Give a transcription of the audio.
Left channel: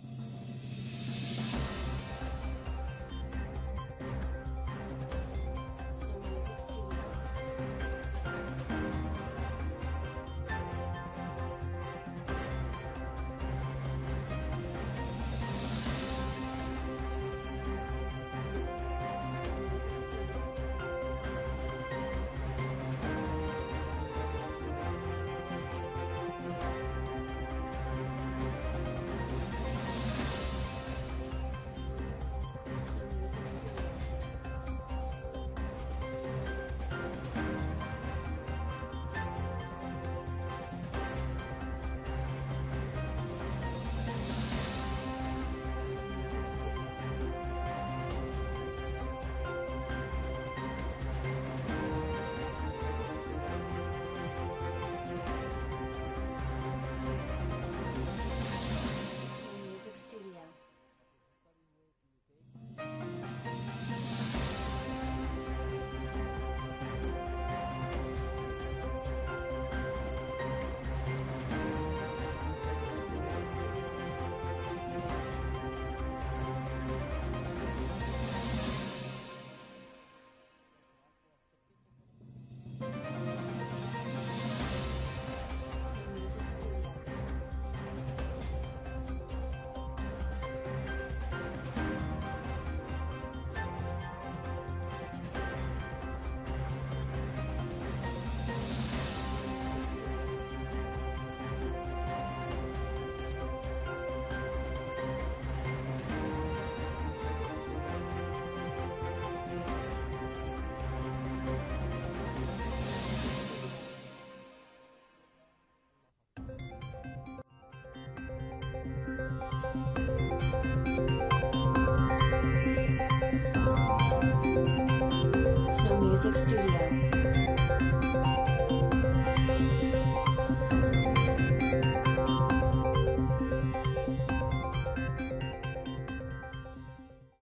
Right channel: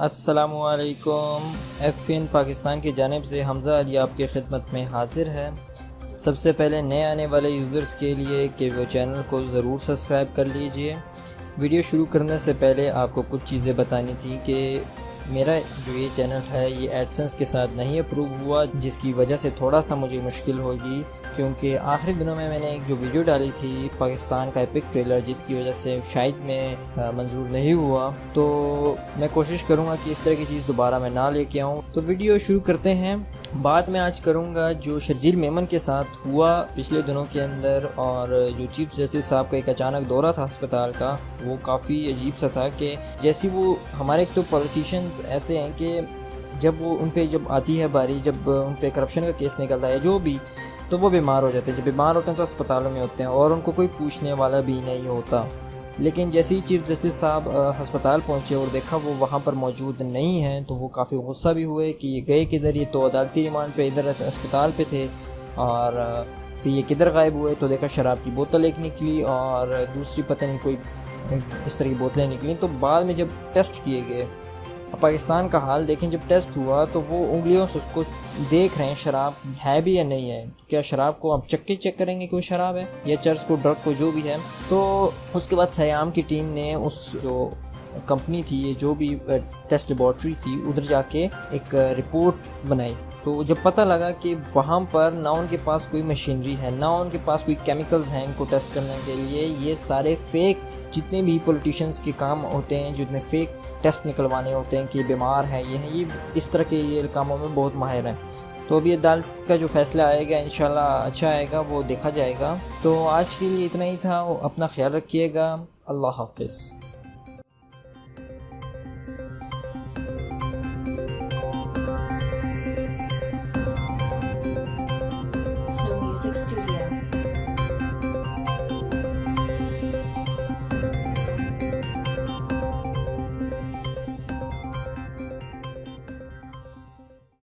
अस्सलामुअलैकुम। एफएन पाकिस्तान की जानिब से हमज़ा अली आपकी खिदमत में हाज़िर है। सबसे पहले नए आने वाले यूज़र्स के लिए कि वो चैनल को ज़रूर सब्सक्राइब कर लीजिए। वीडियो शुरू करने से पहले आपको कुछ चीज़ें बतानी थी कि मेरा जो ये चैनल है ये एडसेंस के साथ नहीं अप्रूव हुआ, जिसकी वजह से थोड़ा सा मुझे मुश्किल होगी, क्योंकि आखिरी दिनों में मैंने एक जो वीडियो डाली थी पाकिस्तान का एपिक ट्रेलर, जिसकी वजह से शायद मैं मंजूर नहीं हुआ। तो मैं कोशिश करूँगा कि इस तरह की चीज़ दोबारा मैं ना लेके आऊँ। तो वीडियो शुरू करते हैं। बात मैं आज करूँगा जो शर्जील मेमन के साथ हुआ पिछले दिनों के अंदर, और जो चीफ जस्टिस साहब का एक अचानक दौरा था अस्पताल का, वो काफ़ी अजीब सा था कि जैसे वो हमारे एक तो पॉलिटिशियंस ऐसे हैं कि जब वो उन पे जब आती है बारी, जब उन पे करप्शन का केस निकलता है जो भी, तो वो बीमार हो जाते हैं। जब बीमार होते हैं तो अस्पतालों में होते हैं और उनको कोई पूछने वाला भी नहीं होता। लेकिन जैसे ही चीफ जस्टिस साहब अस्पताल पहुंचे और देखा वो वहां पर मौजूद नहीं हैं, तो वो काफ़ी गुस्सा भी हुए कि ये गए किधर, ये तो अदालती रिमांड पे इधर अस्पताल पे थे, और फिर ये किधर गायब हुए। तो देखा शराब की बोतल एक निकली और दूसरी पता नहीं कोई इस तरह की बोतलें निकली। तो बाद में जब टेस्ट किए गए, पाकिस्तान का हाल देखें, जब टेस्ट हुआ तो वो उंगलियों से उसको देख रहे हैं शराब है भी या नहीं है। क्या शराब को आप चेक करेंगे कोई शराब है या चर्च को, ड्रग को, जो भी है। तो उसके बाद सयाम की टीम ने उस जो कंपनी थी, ये जो भी टेस्ट लेबॉर्ट्री थी, उधर जाके एक रिपोर्ट बनाई। तो जब पता लगा कि वहाँ पर ना उनके पास कोई मशीनरी है, ना उनके पास कोई केमिकल्स हैं इनको टेस्ट करने के लिए, ये सारे फेक जितने भी पॉलिटिशियंस के काम होते हैं, जितने फेक टेस्ट निकलवाने होते हैं कि बीमार है, ये इस तरह के ये कामों में बहुत माहिर हैं। तो अभी अदालत का जो फैसला आएगा इंशाल्लाह अच्छा आएगा, वो देखा जाएगा। तो आज के लिए इतना ही था। अपना ख्याल रखिएगा। अल्लाह हाफिज़। Snow Music Studio.